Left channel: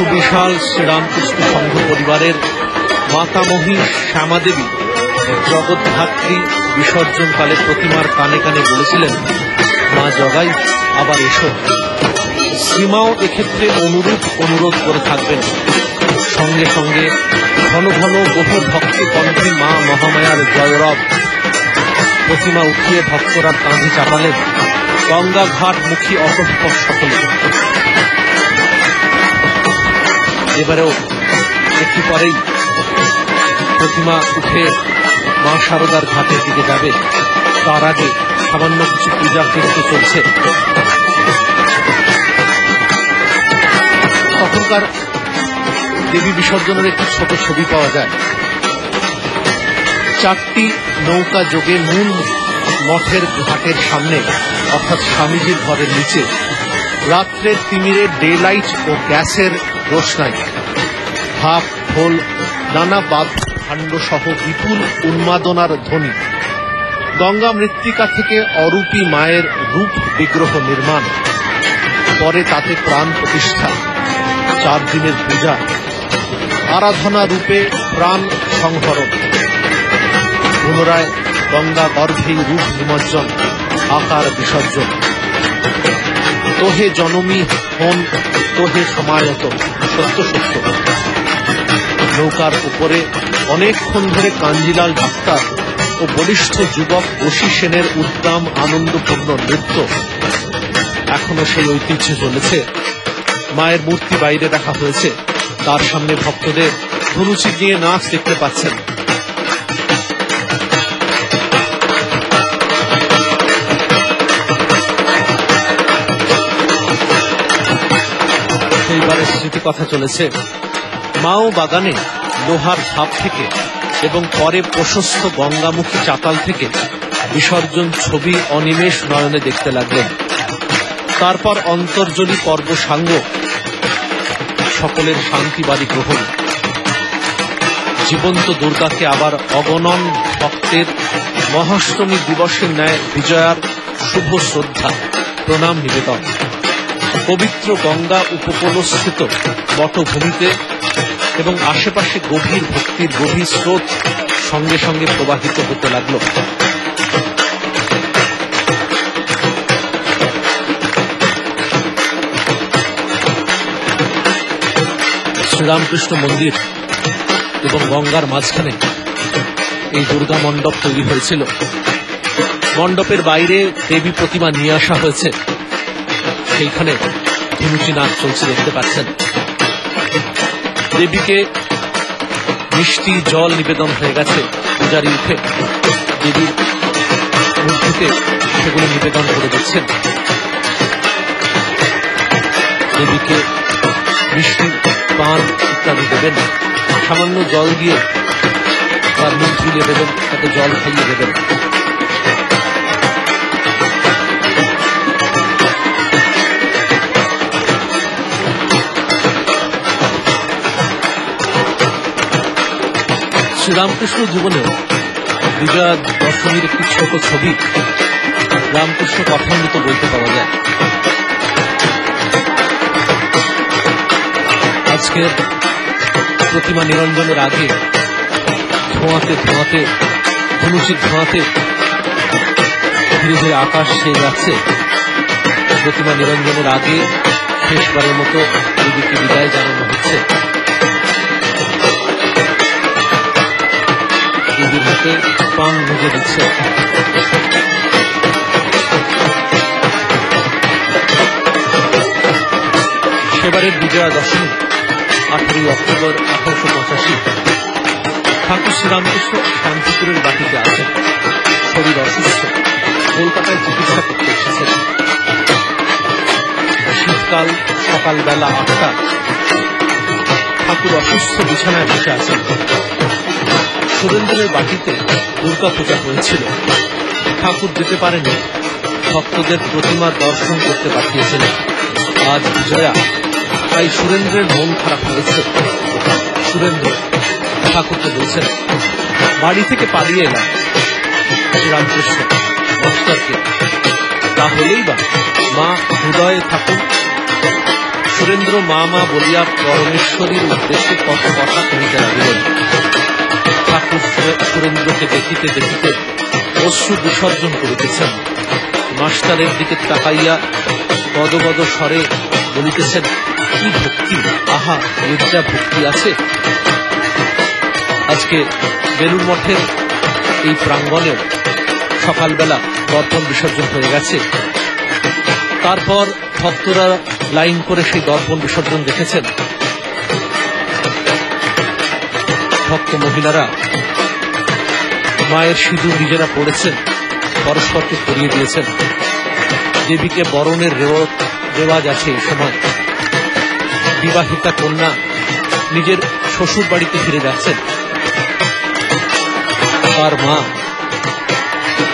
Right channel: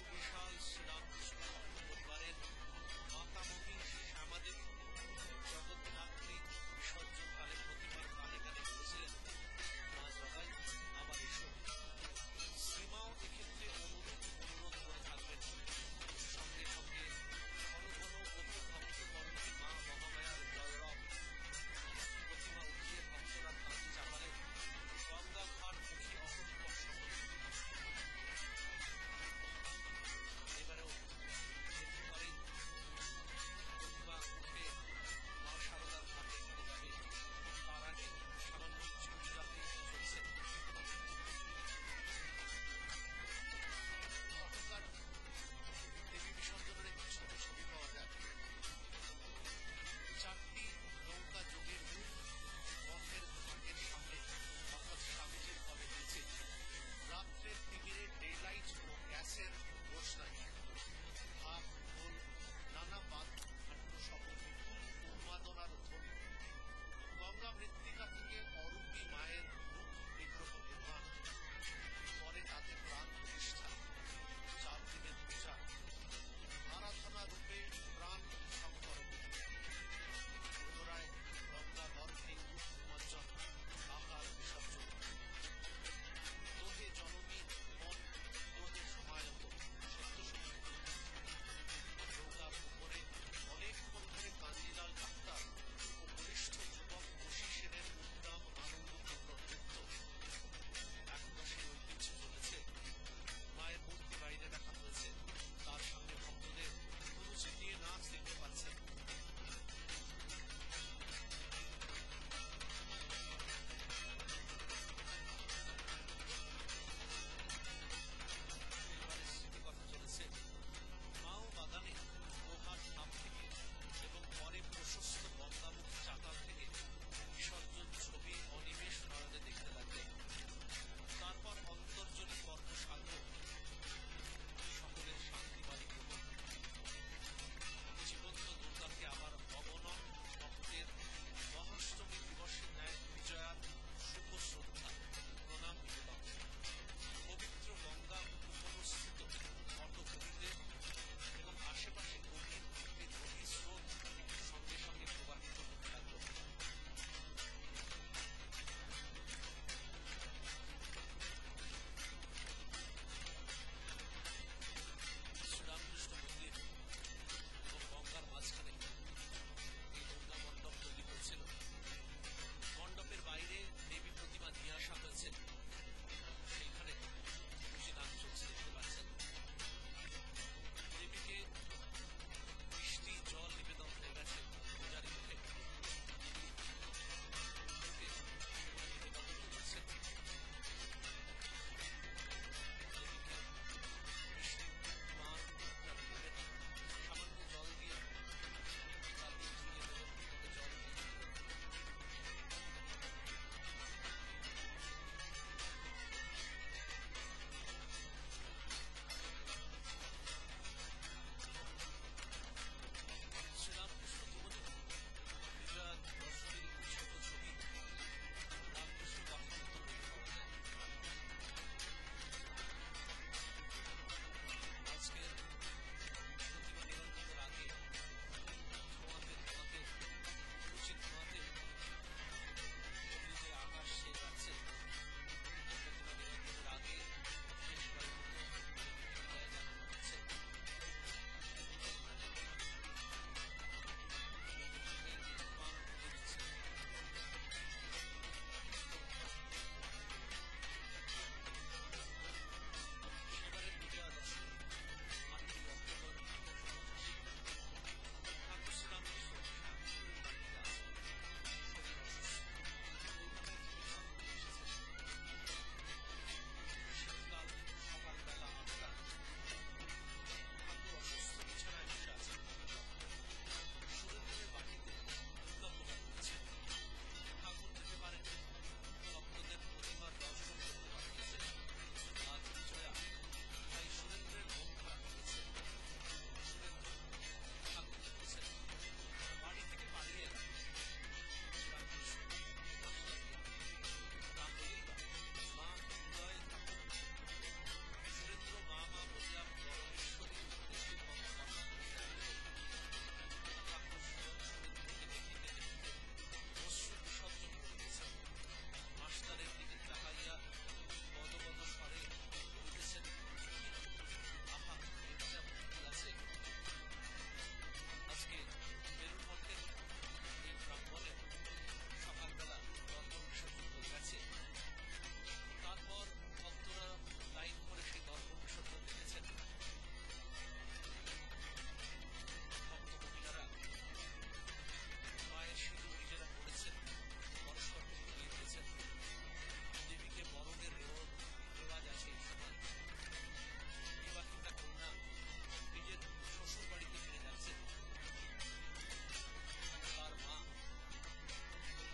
সুবিশাল শ্রীরামকৃষ্ণ সংঘ পরিবারের মাতামহী শ্যামাদেবী জগদ্ধাত্রী বিসর্জনকালে প্রতিমার কানে কানে বলেছিলেন, মা জগাই আবার এসো। শ্রীমাও এক্ষেত্রে অনুরোধ করে থাকবেন। সঙ্গে সঙ্গে ঘন ঘন বহু ভক্তি কণ্ঠে মা মহামায়ার জয়রব। প্রতিমা উঠিয়ে ভক্তরা কাঁধে চাপালেন। গঙ্গা ঘাট মুখী অতঃপর সকলে। এবারেও একটু পরেই প্রতিমা উঠে মা শারদার ঘাটের দিকে যাবে। তার আগে সামান্য কিছু পূজা কিন্তু চলছে। তখনকার দেবী বিসর্জনের একটি ছোট ছবি পাওয়া যায়। 4টি নৌকা যোগে মূল মঠের ঘাটের সামনে, অর্থাৎ স্বামীজির ঘরের নিচে রাত্রের তিমিরে ডে লাইট ও গ্যাসের রোশনাই, ভাপ ঢোল, নানা বাদ্যকাণ্ড সহ বিপুল উন্মাদনার ধ্বনি। গঙ্গা মৃত্তিকা থেকে অরূপী মায়ের রূপ বিগ্রহ নির্মাণ, পরে তাতে প্রাণ প্রতিষ্ঠা, 4 দিনের পূজা, আরাধনা রূপে প্রাণ সংহরণ, পুনরায় গঙ্গা গর্ভে রূপ নিমজ্জন, আকার বিসর্জন। তোহে জনমী হন তোহে সমায়ত, সত্য সত্য। নৌকার উপরে অনেকক্ষণ ধরে কাঞ্জিলাল ডাক্তার ও বলিষ্ঠ যুবক বশী সেনের উদ্দাম আনন্দপূর্ণ নৃত্য। এখনো সেই ঐতিহ্য চলেছে। মায়ের মূর্তি বাইরে রাখা হয়েছে, তার সামনে ভক্তদের ধনুচি দিয়ে নাচ দেখতে পাচ্ছেন। সেইবারের স্মৃতি কথা চলেছে। মাও বাগানে লোহার ধাপ থেকে এবং পরে প্রশস্ত গঙ্গামুখী চাতাল থেকে বিসর্জন ছবি অনিমেষ নয়নে দেখতে লাগলেন। তারপর অন্তর্জলি পর্ব সাঙ্গ, সকলের শান্তিবাদী গ্রহণ। জীবন্ত দুর্গাকে আবার অগণন ভক্তের মহাষ্টমী দিবসের ন্যায় বিজয়ার শুভ শ্রদ্ধা প্রণাম নিবেদন। পবিত্র গঙ্গা উপকূলস্থিত বটভূমিতে এবং আশেপাশে গভীর ভক্তির গভীর স্রোত সঙ্গে সঙ্গে প্রবাহিত হতে লাগল। শ্রীরামকৃষ্ণ মন্দির এবং গঙ্গার মাঝখানে এই দুর্গা মণ্ডপ তৈরি হয়েছিল। মণ্ডপের বাইরে দেবী প্রতিমা নিয়ে আসা হয়েছে, সেইখানে ধুনুচি নাচ চলছে দেখতে পাচ্ছেন। দেবীকে মিষ্টি জল নিবেদন হয়ে গেছে। পূজারী উঠে দেবীর মূর্তিতে সেগুলো নিবেদন করে দিচ্ছেন। দেবীকে মিষ্টি পান ইত্যাদি দেবেন। সামান্য জল দিয়ে তার মুখ ধুয়ে দেবেন, তাকে জল খাইয়ে দেবেন। শ্রীরামকৃষ্ণ জীবনেও বিজয়া দশমীর একটি ছোট ছবি রামকৃষ্ণ কথামৃত বলতে পাওয়া যায়। আজকের প্রতিমা নিরঞ্জনের আগে ধোঁয়াতে ধোঁয়াতে ধনুচির ধোঁয়াতে ধীরে ধীরে আকাশ ছেয়ে যাচ্ছে। প্রতিমা নিরঞ্জনের আগে শেষবারের মতো দেবীকে বিদায় জানানো হচ্ছে। দেবীর হাতে পান ভেজে দিচ্ছে। সেবারের বিজয়া দশমী 18 অক্টোবর 1885। ঠাকুর শ্রীরামকৃষ্ণ শান্তিপুরের বাটিতে আছেন, শরীর অসুস্থ, কলকাতায় চিকিৎসা করতে এসেছেন। শীতকাল, সকালবেলা 8টা। ঠাকুর অসুস্থ, বিছানায় বসে আছেন। সুরেন্দ্রের বাটিতে দুর্গা পূজা হয়েছিল, ঠাকুর যেতে পারেনি, ভক্তদের প্রতিমার দর্শন করতে পাঠিয়েছিলেন। আজ বিজয়া, তাই সুরেন্দ্রের মন খারাপ হয়েছে। সুরেন্দ্র ঠাকুরকে বলছেন, বাড়ি থেকে পালিয়ে এলাম, শ্রীরামকৃষ্ণ মাস্টারকে, তাহলেই বা মা হৃদয়ে থাকুন। সুরেন্দ্র মা মা বলিয়া পরমেশ্বরীর উদ্দেশ্যে কত কথা কহিতে লাগিলেন। ঠাকুর সুরেন্দ্রকে দেখিতে দেখিতে অশ্রু বিসর্জন করিতেছেন। মাস্টারের দিকে তাকাইয়া গদগদ স্বরে বলিতেছেন, কি ভক্তি, আহা এর যা ভক্তি আছে। আজকে বেলুড় মঠের এই প্রাঙ্গণে সকালবেলা দর্পণ বিসর্জন হয়ে গেছে। তারপর ভক্তরা লাইন করে সেই দর্পণ বিসর্জন দেখেছেন। ভক্ত মহিলারা মায়ের সিঁদুর নিজেরা পড়েছেন, পরস্পরকে পরিয়ে দিয়েছেন। দেবীকে বরণের রেওয়াজ আছে এই সময়। বিবাহিতা কন্যা নিজের শ্বশুর বাড়িতে ফিরে যাচ্ছেন। তার মা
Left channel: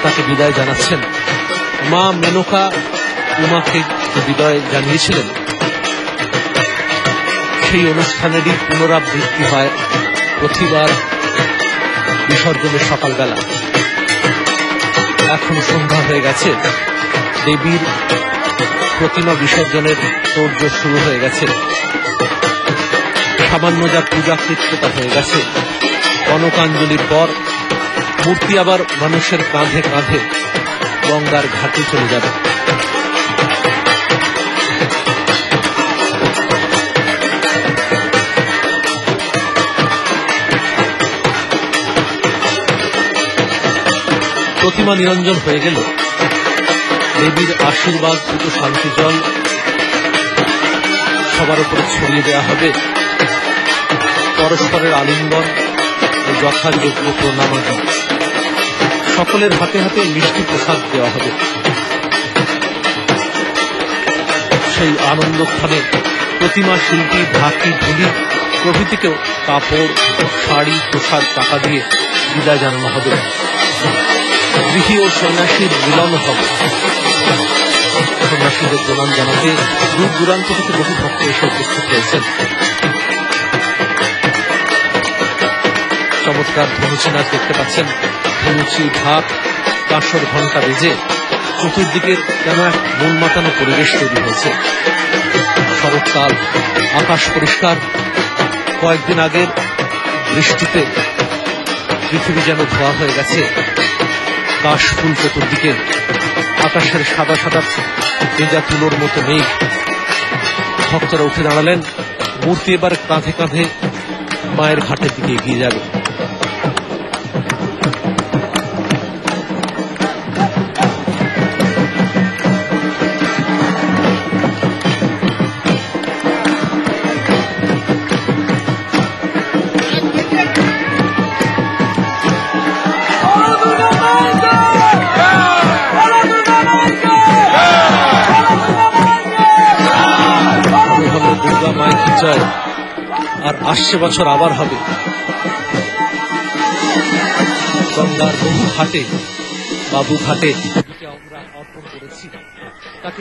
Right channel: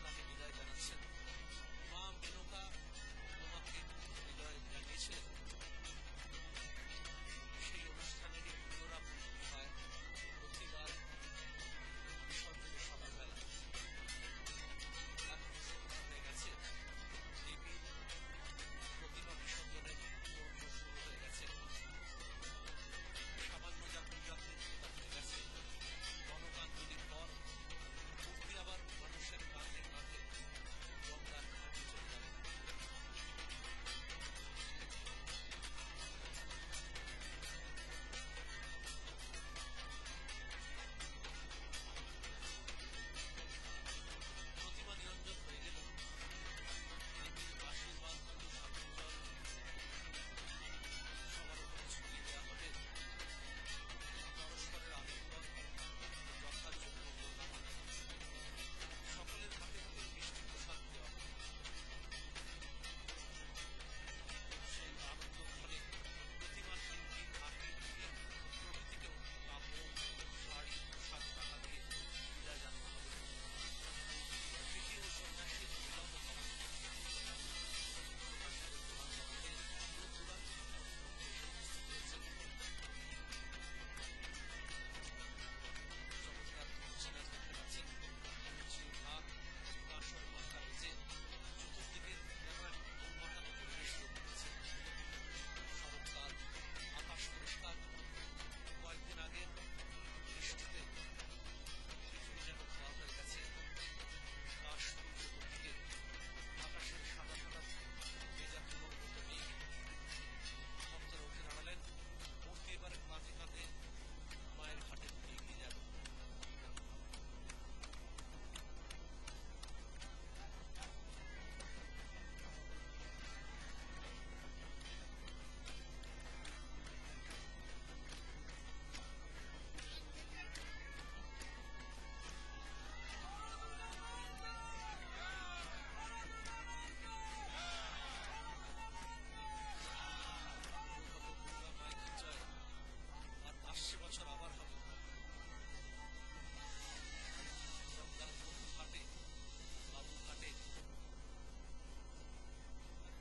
তাকে বিদায় জানাচ্ছেন। মা মেনকা উমাকে বিদায় জানিয়েছিলেন। সেই অনুষ্ঠানেরই পুনরাবৃত্তি হয় প্রতিবার বিসর্জনের সকালবেলা। এখন সন্ধ্যা হয়ে গেছে, দেবীর প্রতিমা বিসর্জনের তোড়জোড় শুরু হয়ে গেছে। সামান্য যা পূজা কৃত্যতা হয়ে গেছে, কনকাঞ্জলির পর মূর্তি আবার মানুষের কাঁধে কাঁধে গঙ্গার ঘাটে চলে যাবে। প্রতিমা নিরঞ্জন হয়ে গেল। দেবীর আশীর্বাদ দুটো শান্তি জল সবার উপরে ছড়িয়ে দেওয়া হবে। পরস্পরের আলিঙ্গন ও যথাযোগ্য প্রণামাদি, সকলের হাতে হাতে মিষ্টি প্রসাদ দেওয়া হবে। সেই আনন্দক্ষণে প্রতিমা শিল্পী, ঢাকি, ঢুলি প্রভৃতিকেও কাপড়, শাড়ি, প্রসাদ, টাকা দিয়ে বিদায় জানানো হবে। গৃহী ও সন্ন্যাসীর মিলন হবে। সন্ন্যাসীদের প্রণাম জানাতে দূর দূরান্ত থেকে বহু ভক্ত এসে উপস্থিত হয়েছেন। চমৎকার ধনুচি নাচ দেখতে পাচ্ছেন। ধনুচি, ঢাক, কাঁসর ঘণ্টা বেজে চতুর্দিকে যেন এক মন মাতানো পরিবেশ তৈরি হয়েছে। শরৎকাল, আকাশ পরিষ্কার। কয়েকদিন আগের বৃষ্টিতে পৃথিবী যেন ধোয়া হয়ে গেছে। কাশফুল চতুর্দিকে, আকাশের সাদা সাদা ভেজা তুলোর মতো মেঘ। ভক্তরা উঠে দাঁড়ালেন। মূর্তি এবার কাঁধে কাঁধে মায়ের ঘাটের দিকে এগিয়ে যাবে। আর আসছে বছর আবার হবে। গঙ্গার বহু ঘাটে, বাবু ঘাটে আমরা অর্পণ করেছি। তাকে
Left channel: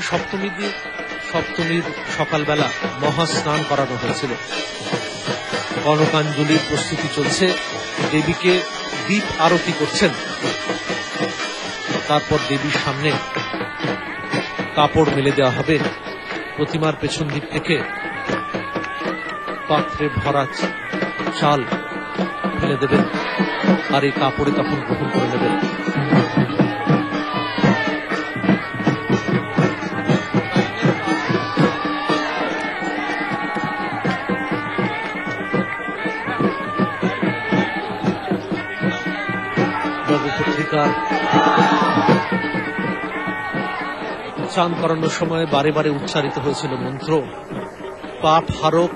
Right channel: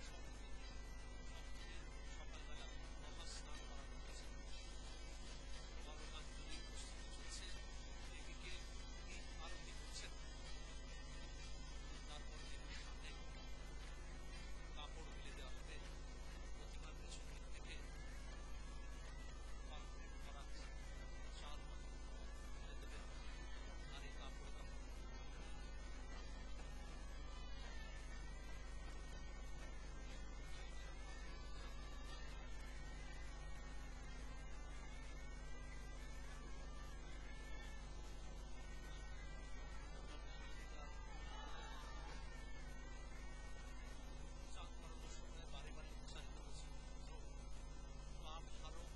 সপ্তমীর সকালবেলা মহাস্নান করানো হয়েছিল। কনকাঞ্জলির প্রস্তুতি চলছে। দেবীকে দীপ আরতি করছেন। তারপর দেবীর সামনে কাপড় মেলে দেওয়া হবে। প্রতিমার পেছন দিক থেকে পাত্রে ভরা চাল ফেলে দেবেন, আর এই কাপড়ে তখন গ্রহণ করে নেবেন। নবপত্রিকার চান করানোর সময় বারে বারে উচ্চারিত হয়েছিল মন্ত্র, পাপ হারক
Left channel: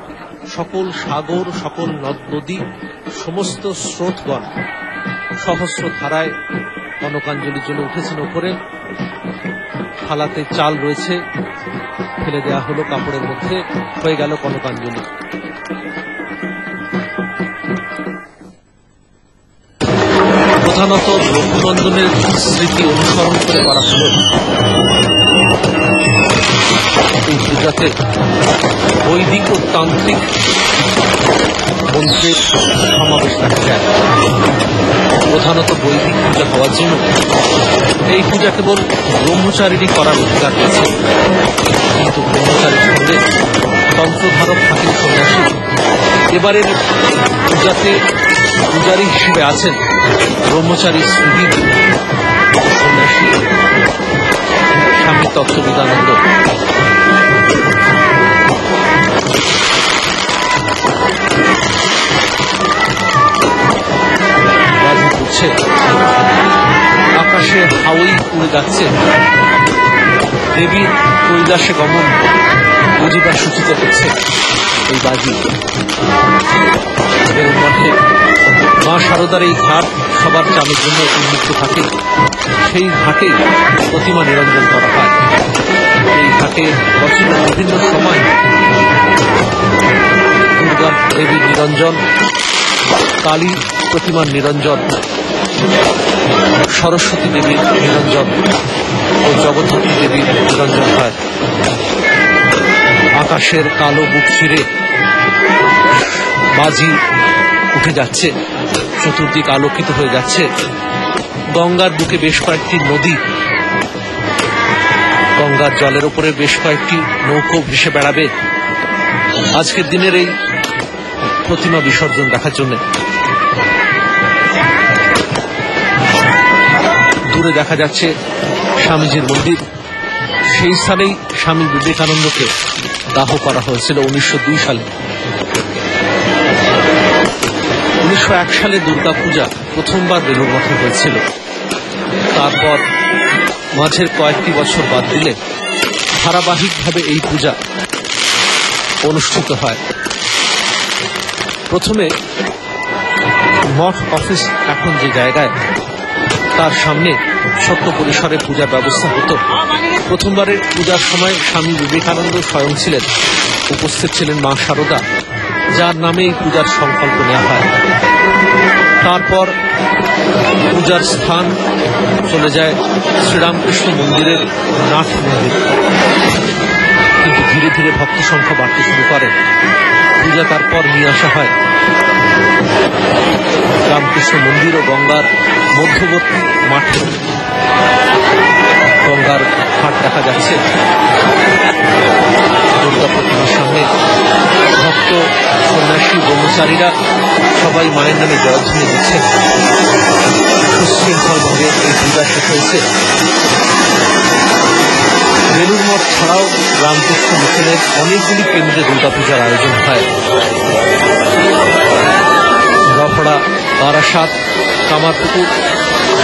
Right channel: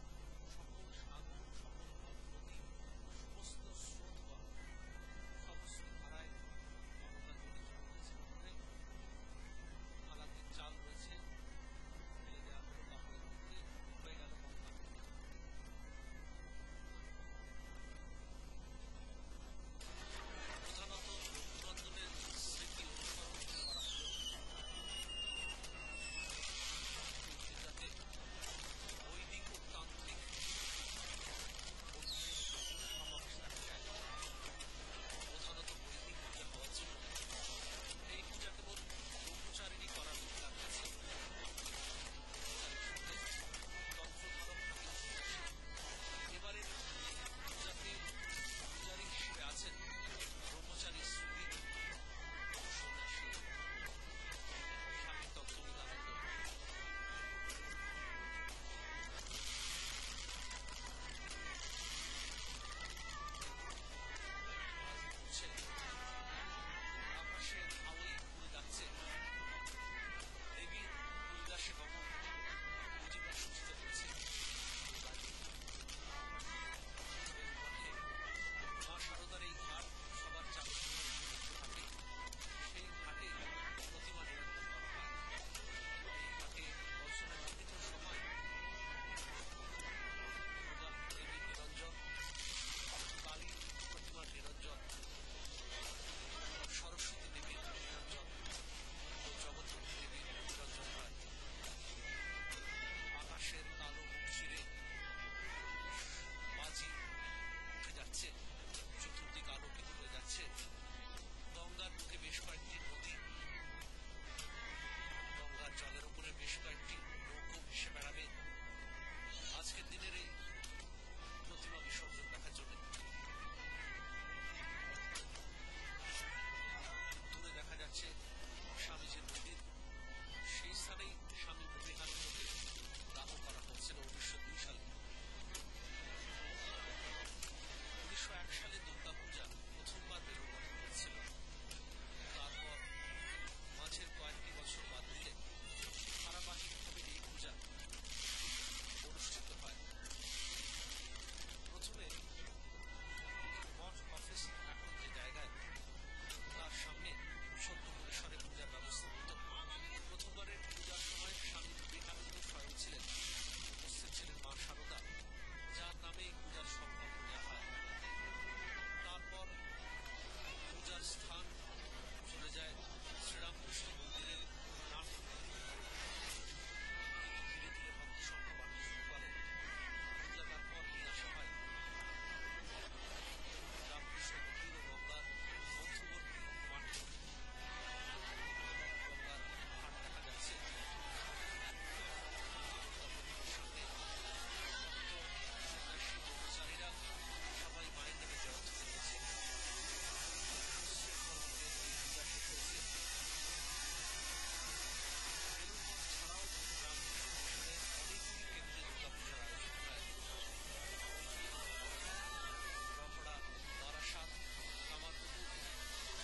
সকল সাগর, সকল নদ নদী, সমস্ত স্রোতগণ সহস্র ধারায় কনকাঞ্জলির জন্য উঠেছেন ওপরে। থালাতে চাল রয়েছে, ফেলে দেওয়া হলো কাপড়ের মধ্যে। হয়ে গেল কনকাঞ্জলি। প্রধানত রঘুনন্দনের স্মৃতি অনুসরণ করে করা হল। এই পূজাতে বৈদিক ও তান্ত্রিক মন্ত্রের সমাবেশ দেখা যায়। প্রধানত বৈদিক পূজা হওয়ার জন্য এই পূজা কেবল ব্রহ্মচারীরই করার অধিকার রয়েছে। কিন্তু ব্রহ্মচারীর সঙ্গে তন্ত্রধারক থাকেন সন্ন্যাসী। এবারের পূজাতে পূজারী হিসেবে আছেন ব্রহ্মচারী সুধীর সন্ন্যাসী স্বামী তত্ত্ববিদানন্দ। বাজি পড়ছে, আকাশে হাওয়াই উড়ে যাচ্ছে, দেবীর কৈলাসে গমন বুঝিবার সূচিত হচ্ছে এই বাজি। বেলুড় মঠে মা শারদার এই ঘাট সবার চামের জন্য উন্মুক্ত থাকে। সেই ঘাটে প্রতিমা নিরঞ্জন করা হয়। এই ঘাটে বছরের বিভিন্ন সময় দুর্গা দেবীর নিরঞ্জন, কালী প্রতিমার নিরঞ্জন, সরস্বতী দেবীর নিরঞ্জন ও জগদ্ধাত্রী দেবীর নিরঞ্জন হয়। আকাশের কালো বুক চিরে বাজি উঠে যাচ্ছে, চতুর্দিক আলোকিত হয়ে যাচ্ছে। গঙ্গার বুকে বেশ কয়েকটি নদী, গঙ্গার জলের উপরে বেশ কয়েকটি নৌকো ভেসে বেড়াবে আজকের দিনের এই প্রতিমা বিসর্জন দেখার জন্য। দূরে দেখা যাচ্ছে স্বামীজির মন্দির। সেই স্থানেই স্বামী বিবেকানন্দকে দাহ করা হয়েছিল 1902 সালে। 1901 সালে দুর্গাপূজা প্রথমবার বেলুড় মঠে হয়েছিল। তারপর মাঝের কয়েকটি বছর বাদ দিলে ধারাবাহিকভাবে এই পূজা অনুষ্ঠিত হয়। প্রথমে মঠ অফিস এখন যে জায়গায়, তার সামনে ছোট্ট পরিসরে পূজার ব্যবস্থা হতো। প্রথমবারের পূজার সময় স্বামী বিবেকানন্দ স্বয়ং ছিলেন, উপস্থিত ছিলেন মা শারদা, যার নামে এই পূজার সংকল্প নেওয়া হয়। তারপর পূজার স্থান চলে যায় শ্রীরামকৃষ্ণ মন্দিরের নাথ মন্দির। কিন্তু ধীরে ধীরে ভক্ত সংখ্যা বাড়তে শুরু করে। পূজা তারপর নিয়ে আসা হয় রামকৃষ্ণ মন্দির ও গঙ্গার মধ্যবর্তী মাঠে। গঙ্গার ঘাট দেখা যাচ্ছে। দুর্গা প্রতিমার সামনে ভক্ত সন্ন্যাসী ব্রহ্মচারীরা সবাই মায়ের নামে জয়ধ্বনি দিচ্ছে। সুশৃঙ্খলভাবে এই পূজা শেষ হয়েছে। বেলুড় মঠ ছাড়াও রামকৃষ্ণ মিশনের অনেকগুলি কেন্দ্রে দুর্গাপূজার আয়োজন হয়। রফড়া, বারাসাত, কামারপুকুর,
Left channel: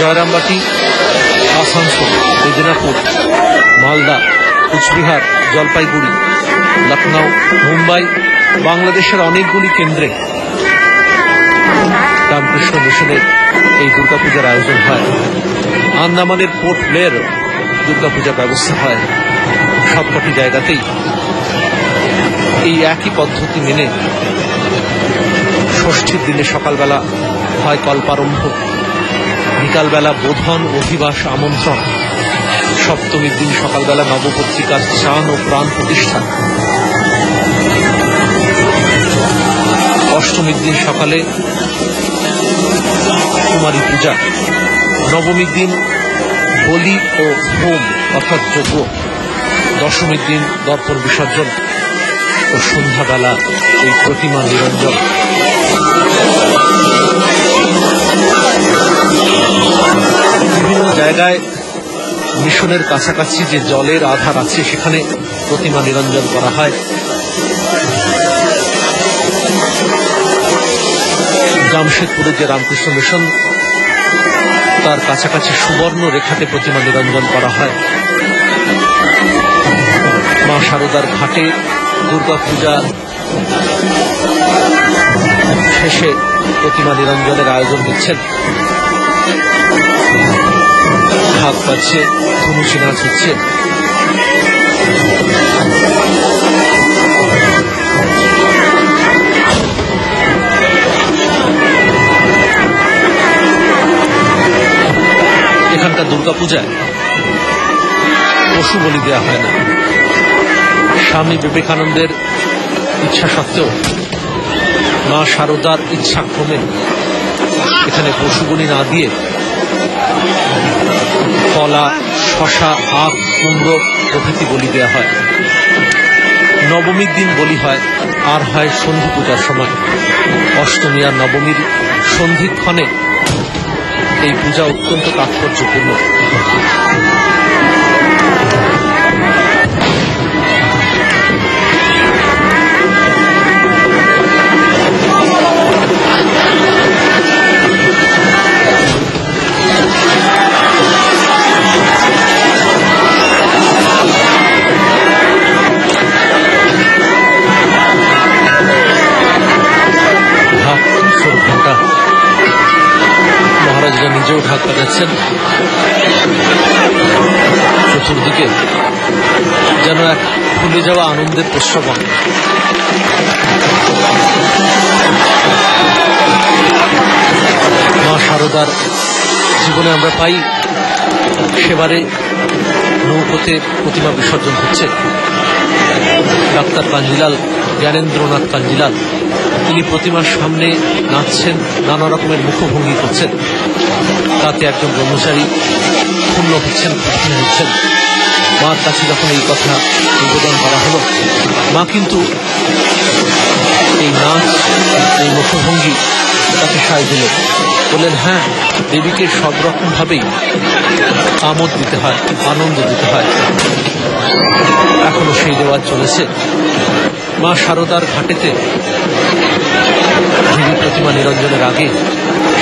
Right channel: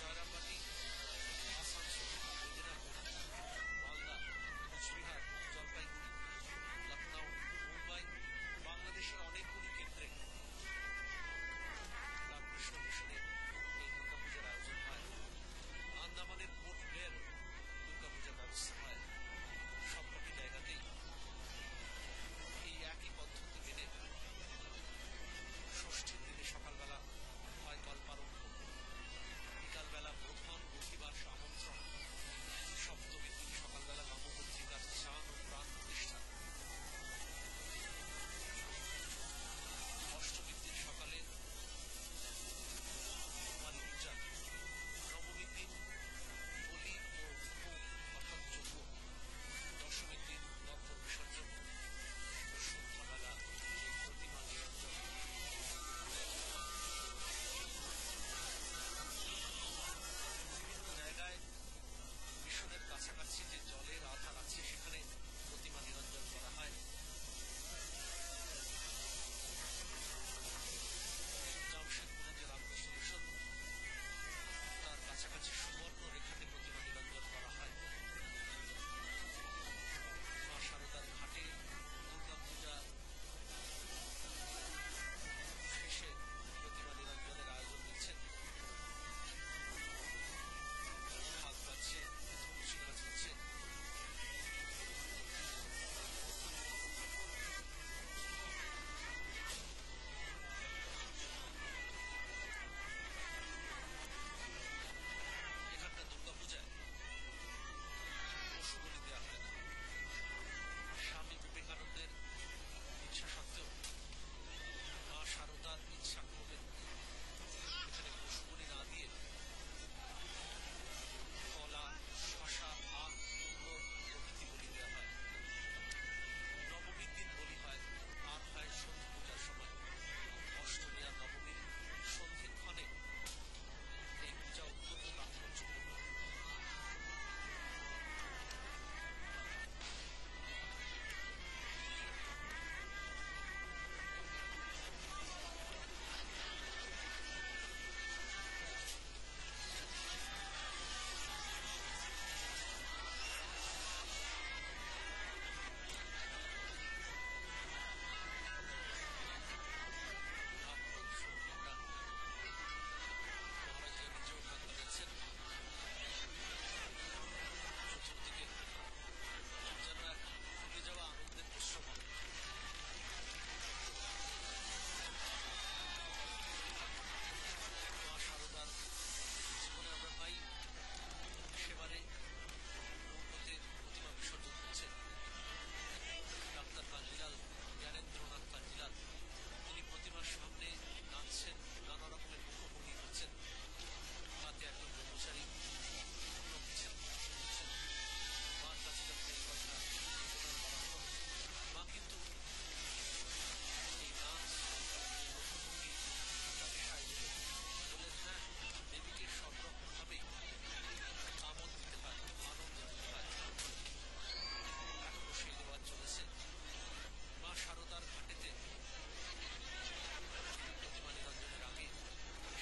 জয়রামবাটি, আসানসোল, মেদিনীপুর, মালদা, কুচবিহার, জলপাইগুড়ি, লখনৌ, মুম্বাই, বাংলাদেশের অনেকগুলি কেন্দ্রে রামকৃষ্ণ মিশনের এই দুর্গাপূজার আয়োজন হয়। আন্দামানের পোর্ট ব্লেয়ার দুর্গাপূজার ব্যবস্থা হয়। সবকটি জায়গাতেই এই একই পদ্ধতি মেনে ষষ্ঠীর দিনে সকালবেলা হয় কল্পারম্ভ, বিকালবেলা বোধন, অধিবাস, আমন্ত্রণ, সপ্তমীর দিন সকালবেলা নবপত্রিকার স্নান ও প্রাণ প্রতিষ্ঠা, অষ্টমীর দিন সকালে কুমারী পূজা, নবমীর দিন বলি ও হোম অর্থাৎ যজ্ঞ, দশমীর দিন দর্পণ বিসর্জন ও সন্ধ্যাবেলা এই প্রতিমা নিরঞ্জন। বিভিন্ন জায়গায় মিশনের কাছাকাছি যে জলের আধার আছে সেখানে প্রতিমা নিরঞ্জন করা হয়। জামশেদপুরের যে রামকৃষ্ণ মিশন, তার কাছাকাছি সুবর্ণ রেখাতে প্রতিমা নিরঞ্জন করা হয়। মা শারদার ঘাটে দুর্গাপূজা শেষে প্রতিমা নিরঞ্জনের আয়োজন দিচ্ছেন। ঢাক বাজছে, ধনুচি নাচ হচ্ছে। এখানকার দুর্গাপূজায় পশু বলি দেওয়া হয় না। স্বামী বিবেকানন্দের ইচ্ছা সত্ত্বেও মা শারদার ইচ্ছাক্রমে এখানে পশু বলি না দিয়ে কলা, শশা, আখ, কুমড়ো প্রভৃতি বলি দেওয়া হয়। নবমীর দিন বলি হয়, আর হয় সন্ধি পূজার সময়। অষ্টমী আর নবমীর সন্ধিক্ষণে এই পূজা অত্যন্ত তাৎপর্যপূর্ণ। মহারাজরা নিজেও ঢাক বাজাচ্ছেন। চতুর্দিকে যেন এক ভুলে যাওয়া আনন্দের প্রশ্রবণ। মা শারদার জীবনে আমরা পাই সেবারে নৌকোতে প্রতিমা বিসর্জন হচ্ছে। ডাক্তার কাঞ্জিলাল, জ্ঞানেন্দ্রনাথ কাঞ্জিলাল, তিনি প্রতিমার সামনে নাচছেন, নানা রকমের মুখভঙ্গি করছেন। তাতে একজন ব্রহ্মচারী পূর্ণ হচ্ছেন, খুশি হচ্ছেন। মার কাছে যখন এই কথা নিবেদন করা হলো, মা কিন্তু এই নাচ, এই মুখভঙ্গি তাকে সায় দিল। বললেন, হ্যাঁ, দেবীকে সব রকম ভাবেই আমোদ দিতে হয়, আনন্দ দিতে হয়। এখনো সেই দেওয়ার চলেছে। মা শারদার ঘাটেতে দেবী প্রতিমা নিরঞ্জনের আগে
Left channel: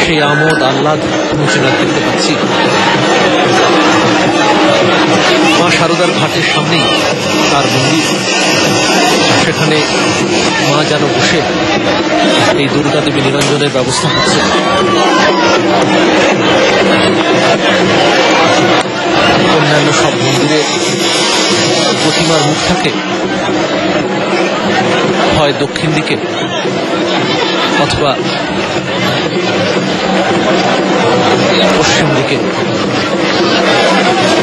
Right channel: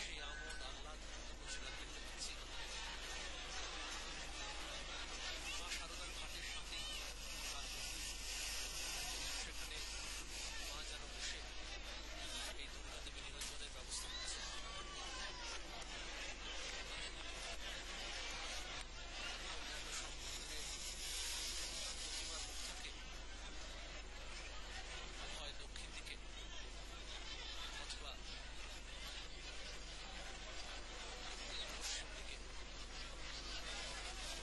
সেই আমোদ আহ্লাদ মুচিনার দেখতে পাচ্ছি। মা শারদার ঘাটের সামনেই তার মন্দির, সেখানে মা যেন বসে এই দুর্গা দেবী নিরঞ্জনের ব্যবস্থা হচ্ছে। অন্যান্য সব মন্দিরে প্রতিমার মুখ থাকে হয় দক্ষিণ দিকে অথবা পশ্চিম দিকে।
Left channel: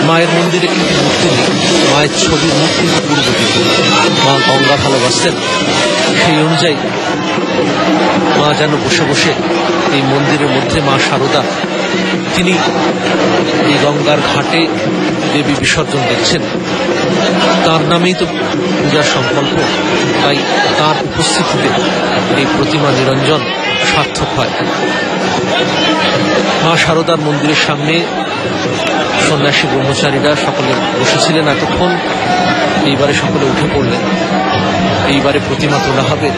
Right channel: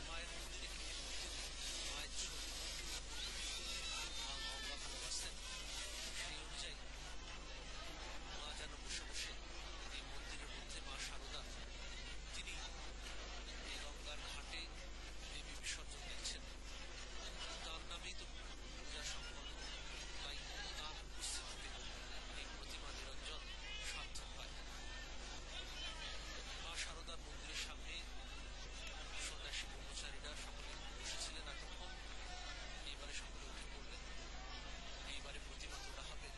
মায়ের মন্দিরে কিন্তু মূর্তি নেই, মায়ের ছবির মুখ কিন্তু পূর্ব দিকে। মা গঙ্গা ভালোবাসতেন, সেই অনুযায়ী মা যেন বসে বসে এই মন্দিরের মধ্যে মা শারদা তিনি এই গঙ্গার ঘাটে দেবী বিসর্জন দেখছেন। তার নামেই তো পূজার সংকল্প, তাই তার উপস্থিতিতে এই প্রতিমা নিরঞ্জন সার্থক হয়। মা শারদার মন্দিরের সামনে সন্ন্যাসী ব্রহ্মচারীরা সকলে বসেছিলেন এতক্ষণ। এইবারে সকলে উঠে পড়লেন। এইবারে প্রতিমা তোলা হবে,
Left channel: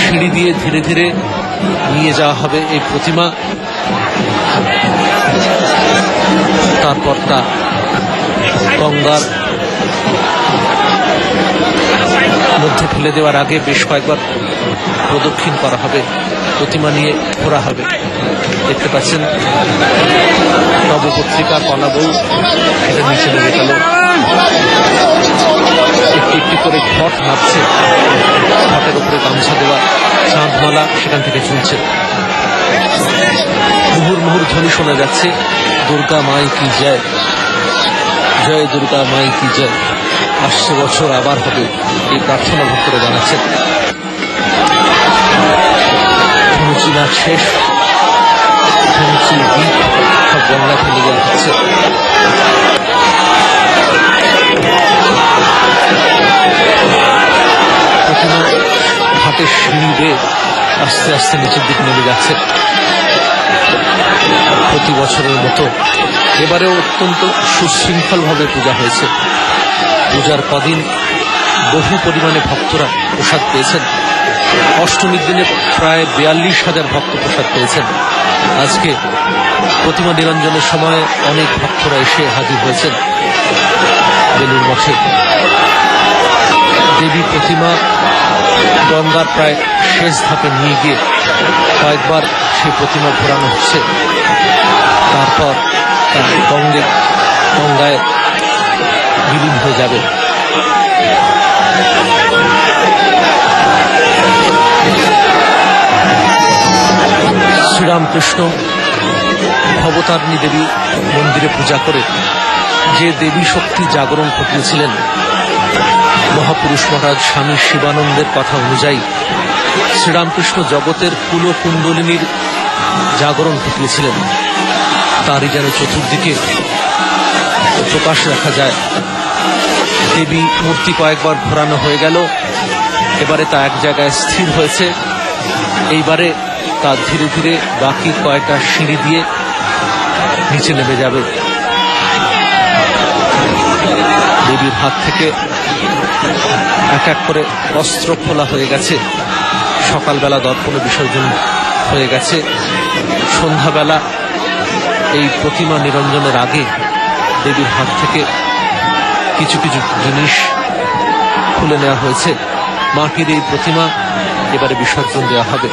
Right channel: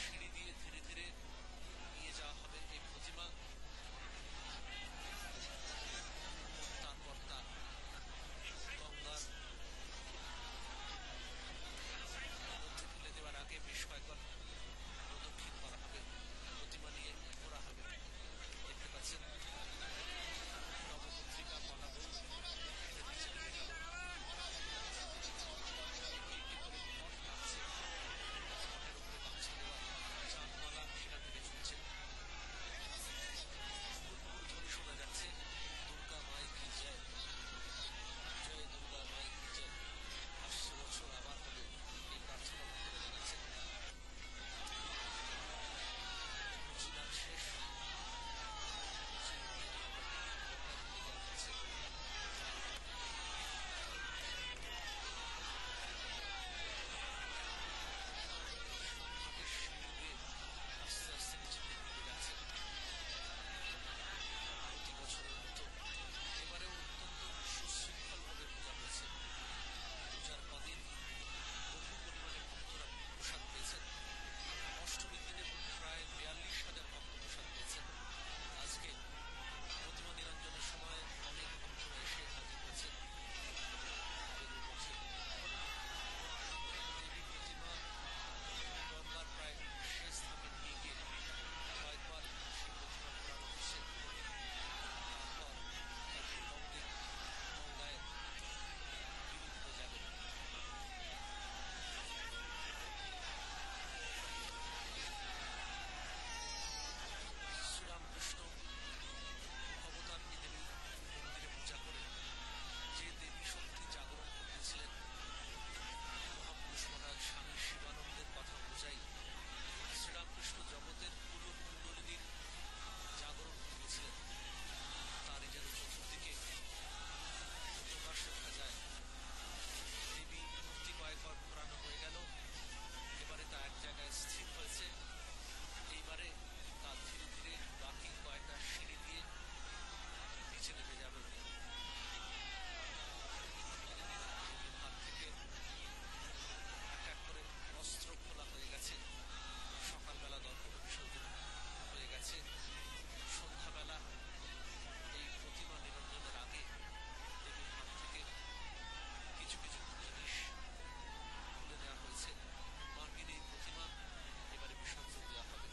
সিঁড়ি দিয়ে ধীরে ধীরে নিয়ে যাওয়া হবে এই প্রতিমা। তারপর তা গঙ্গার মধ্যে ফেলে দেওয়ার আগে বেশ কয়েকবার প্রদক্ষিণ করা হবে, প্রতিমা নিয়ে ঘোরা হবে। দেখতে পাচ্ছেন নবপত্রিকা কলা বউ এটা নিচে নেমে গেল। একটি একটি করে ঘট নাচছে, ঘটের উপরে গামছা দেওয়া চাঁদমালা সেখান থেকে ঝুলছে। মুহুর মুহুর ধ্বনি শোনা যাচ্ছে, দুর্গা মাই কি জয়, জয় দুর্গা মাই কি জয়। আসছে বছর আবার হবে, এই প্রার্থনা ভক্তরা জানাচ্ছেন। ধনুচি নাচ শেষ, ধনুচির গীত সব গঙ্গা ফেলে দেওয়া হচ্ছে। প্রতিমা ঘাটের সিঁড়ি বেয়ে আস্তে আস্তে নিচের দিকে নেমে যাচ্ছে। প্রতি বছরের মতো এবারেও অত্যন্ত সুশৃঙ্খলভাবে পূজা হয়েছে। পূজার কদিন বহু পরিমাণে ভক্তরা প্রসাদ পেয়েছেন। অষ্টমীর দিনে প্রায় 42,000 ভক্ত প্রসাদ পেয়েছেন। আজকে প্রতিমা নিরঞ্জনের সময় অনেক ভক্তরা এসে হাজির হয়েছেন বেলুড় মঠে। দেবী প্রতিমা গঙ্গার প্রায় শেষ ধাপে নিয়ে গিয়ে কয়েকবার সেই প্রতিমা ঘোরানো হচ্ছে। তারপর গঙ্গায় বিলীন হয়ে যাবে। শ্রীরামকৃষ্ণ ভবতারিণী দেবী মন্দিরে পূজা করে যে দেবী শক্তি জাগরণ ঘটিয়েছিলেন, মহাপুরুষ মহারাজ স্বামী শিবানন্দের কথা অনুযায়ী শ্রীরামকৃষ্ণ জগতের কুলকুণ্ডলিনীর জাগরণ ঘটিয়েছিলেন। তারই যেন চতুর্দিকে প্রকাশ দেখা যায়। দেবী মূর্তি কয়েকবার ঘোরানো হয়ে গেল, এবারে তা এক জায়গায় স্থির হয়েছে। এইবারে তা ধীরে ধীরে বাকি কয়েকটা সিঁড়ি দিয়ে নিচে নেমে যাবে। দেবীর হাত থেকে এক এক করে অস্ত্র খোলা হয়ে গেছে। সকালবেলা দর্পণে বিসর্জন হয়ে গেছে। সন্ধ্যাবেলা এই প্রতিমা নিরঞ্জনের আগে দেবীর হাত থেকে কিছু কিছু জিনিস খুলে নেওয়া হয়েছে। মাটির এই প্রতিমা এবারে বিসর্জন দেওয়া হবে।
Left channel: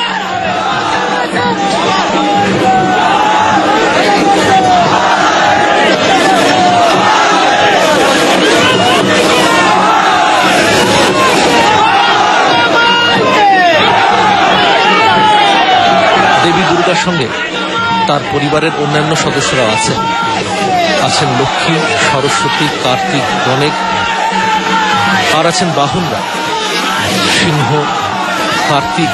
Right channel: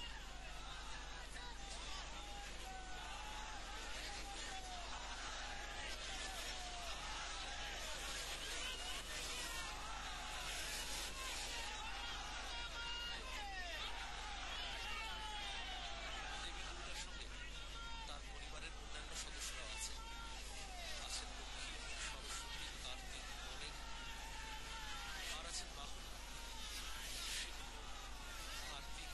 দেবী দুর্গার সঙ্গে তার পরিবারের অন্যান্য সদস্যরাও আছেন। আছেন লক্ষ্মী, সরস্বতী, কার্তিক, গণেশ, আর আছেন বাহনরা সিংহ, কার্তিক,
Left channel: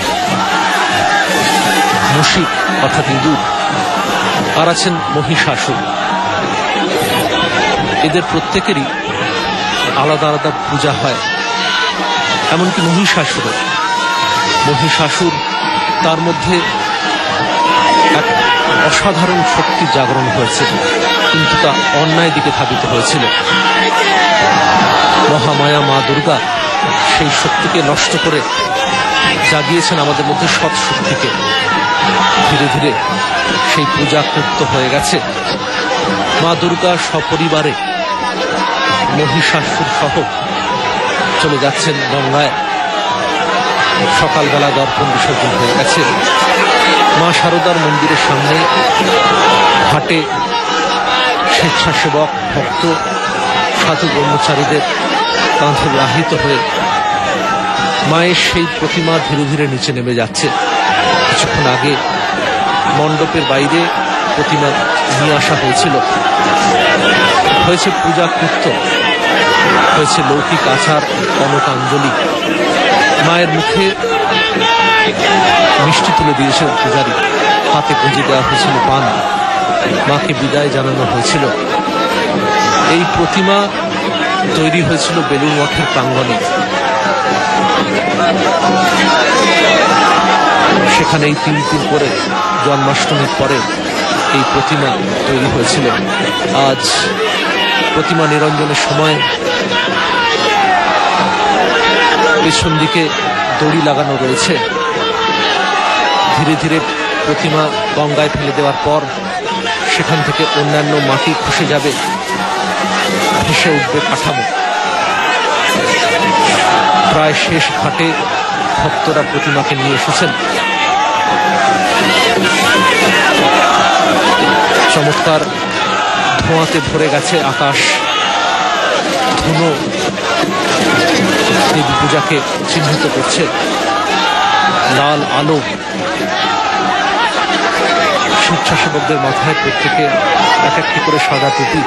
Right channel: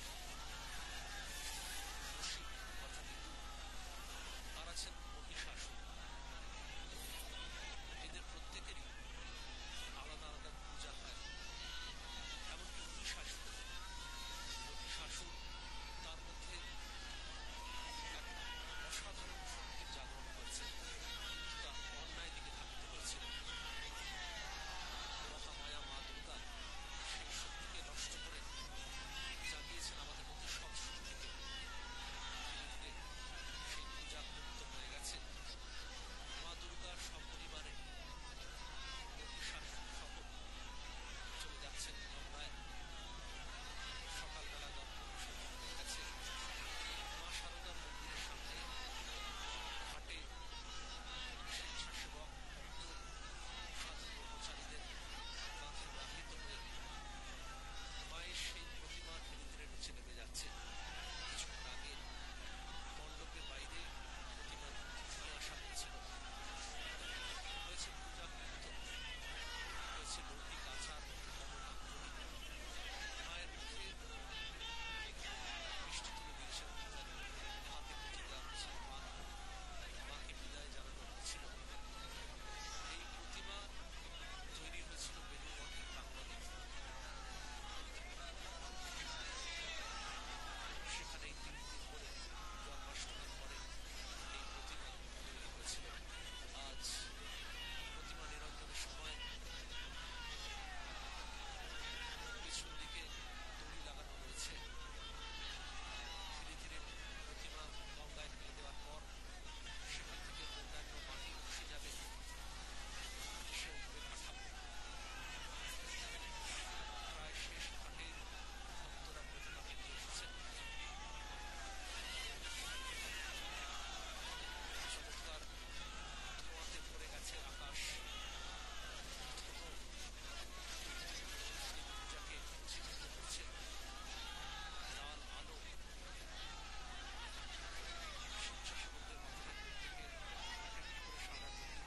মুশিক অর্থাৎ ইঁদুর, আর আছেন মহিষাসুর। এদের প্রত্যেকেরই আলাদা আলাদা পূজা হয়। এমনকি মহিষাসুর তার মধ্যে এক অসাধারণ শক্তি জাগরণ হয়েছে, কিন্তু তা অন্যায় দিকে ধাবিত হয়েছিল। মহামায়া মা দুর্গা সেই শক্তিকে নষ্ট করে জাগিয়েছেন আমাদের মধ্যে সৎ শক্তিকে। ধীরে ধীরে সেই পূজা কৃত হয়ে গেছে। মা দুর্গা সপরিবারে মহিষাসুর সহ চলে যাচ্ছেন গঙ্গায়। সকালবেলা দর্পণ বিসর্জন হয়ে গেছে। মা শারদার মন্দিরের সামনে ঘাটে স্বেচ্ছাসেবক, ভক্ত, সাধু ব্রহ্মচারীদের কাঁধে বাহিত হয়ে মায়ের সেই প্রতিমা ধীরে ধীরে নিচে নেমে যাচ্ছে। কিছুক্ষণ আগে মণ্ডপের বাইরে প্রতিমা নিয়ে আসা হয়েছিল। হয়েছে পূজা কৃত্য, হয়েছে লৌকিক আচার, কনকাঞ্জলি। মায়ের মুখে মিষ্টি তুলে দিয়েছে পূজারী, হাতে পুঁজি দেওয়া হয়েছিল পান। মাকে বিদায় জানানো হয়েছিল। এই প্রতিমা তৈরি হয়েছিল বেলুড় মঠের প্রাঙ্গণে। সেখানেই 3 দিন করে জন্মাষ্টমীর পরে এই প্রতিমা তৈরি হয়েছিল। আজ প্রতিমা নিরঞ্জনের সময় পেছন দিকে দড়ি লাগানো রয়েছে। ধীরে ধীরে প্রতিমা গঙ্গায় ফেলে দেওয়ার পর সেখান থেকে অন্যান্য মাটি খসে যাবে, ভেসে উঠবে কাঠামো। প্রায় শেষ ঘাটে ভক্তরা প্রতিমাকে নিয়ে এসেছেন। চমৎকার ধোঁয়াতে ভরে গেছে আকাশ। ধুনো দেবী পূজাকে চিহ্নিত করছে। লাল আলো স্বেচ্ছাসেবকদের মাথায় প্রত্যেকে এক একটি করে সাদা টুপি।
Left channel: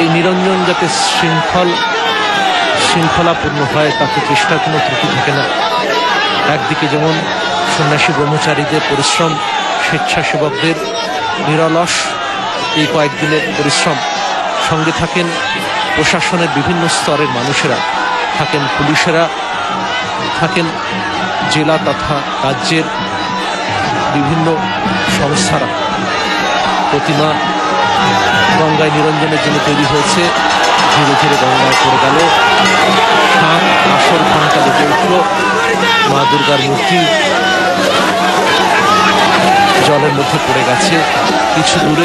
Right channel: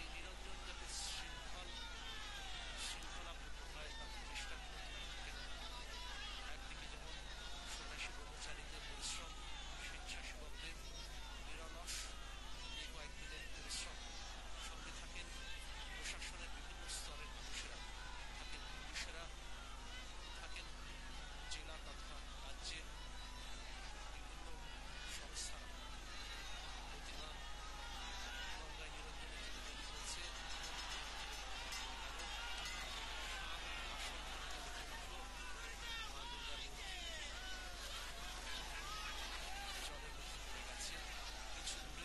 এই নিরঞ্জন যাতে শৃঙ্খলাপূর্ণ হয় তাতে চেষ্টার কোনো ত্রুটি থাকে না। একদিকে যেমন সন্ন্যাসী ব্রহ্মচারীদের পরিশ্রম, স্বেচ্ছাসেবকদের নিরলস এই কয়েকদিনের পরিশ্রম, সঙ্গে থাকেন প্রশাসনের বিভিন্ন স্তরের মানুষেরা, থাকেন পুলিশেরা, থাকেন জেলা তথা রাজ্যের বিভিন্ন সংস্থারা। প্রতিমা গঙ্গায় নিরঞ্জনের জন্য তৈরি হয়েছে। ধীরে ধীরে গঙ্গায় পড়ে গেল। আসর ঘন্টা বেজে উঠল। মা দুর্গার মূর্তি জলের মধ্যে পড়ে গেছে। কিছু দূরে